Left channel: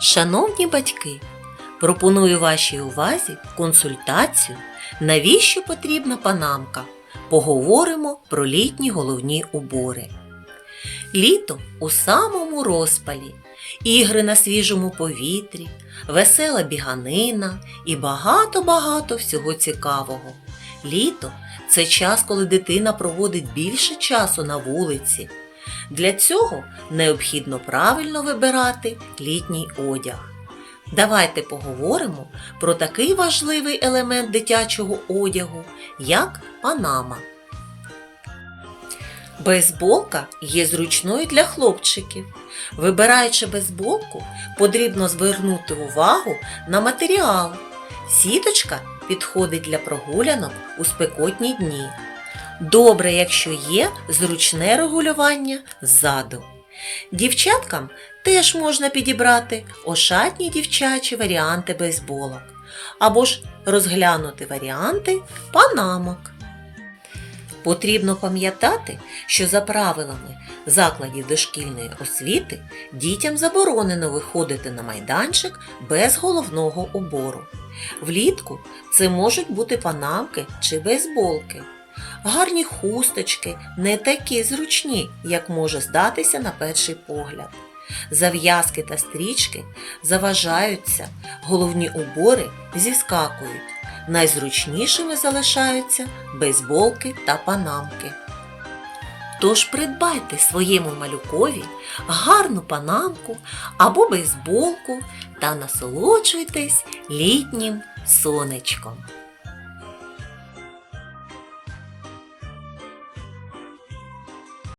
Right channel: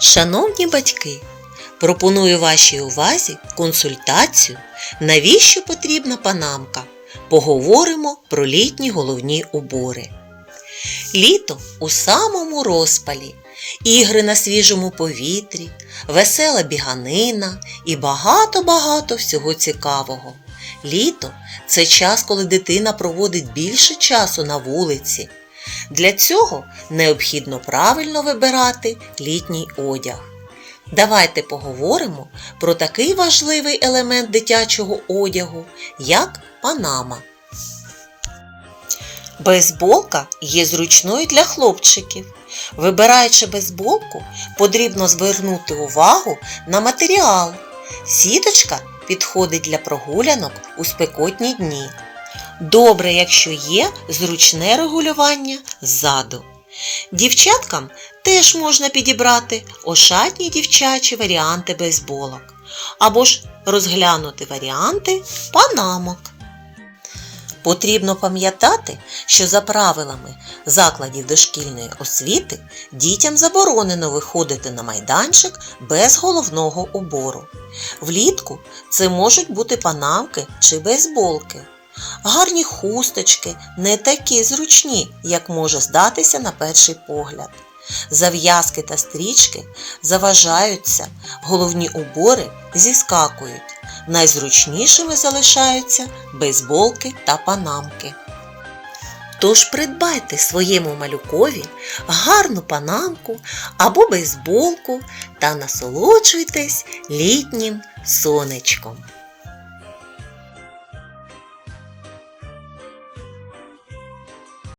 Шановні батьки, пропоную вашій увазі консультацію, навіщо потрібна панамка. Поговоримо про літні головні убори. Літо у самому розпалі, ігри на свіжому повітрі, весела біганина і багато-багато всього цікавого. Літо це час, коли дитина проводить більше часу на вулиці. Для цього необхідно правильно вибирати літній одяг. Давайте поговоримо про такий важливий елемент дитячого одягу, як панама. Бейсболка є зручною для хлопчиків. Вибираючи бейсболку, потрібно звернути увагу на матеріал. Сіточка підходить для прогулянок у спекотні дні. Добре, якщо є зручне регулювання ззаду. Дівчаткам теж можна підібрати ошатні дівчачі варіанти бейсболок або ж розглянути варіанти панамок. Потрібно пам'ятати, що за правилами закладів дошкільної освіти дітям заборонено виходити на майданчик без головного убору. Влітку це можуть бути панамки чи бейсболки. Гарні хусточки не такі зручні, як може здатися на перший погляд. Зав'язки та стрічки заважаються, головні убори зіскакують. Найзручнішими залишаються бейсболки та панамки. Тож придбайте своєму малюкові гарну панамку або бейсболку та насолоджуйтесь літнім сонечком.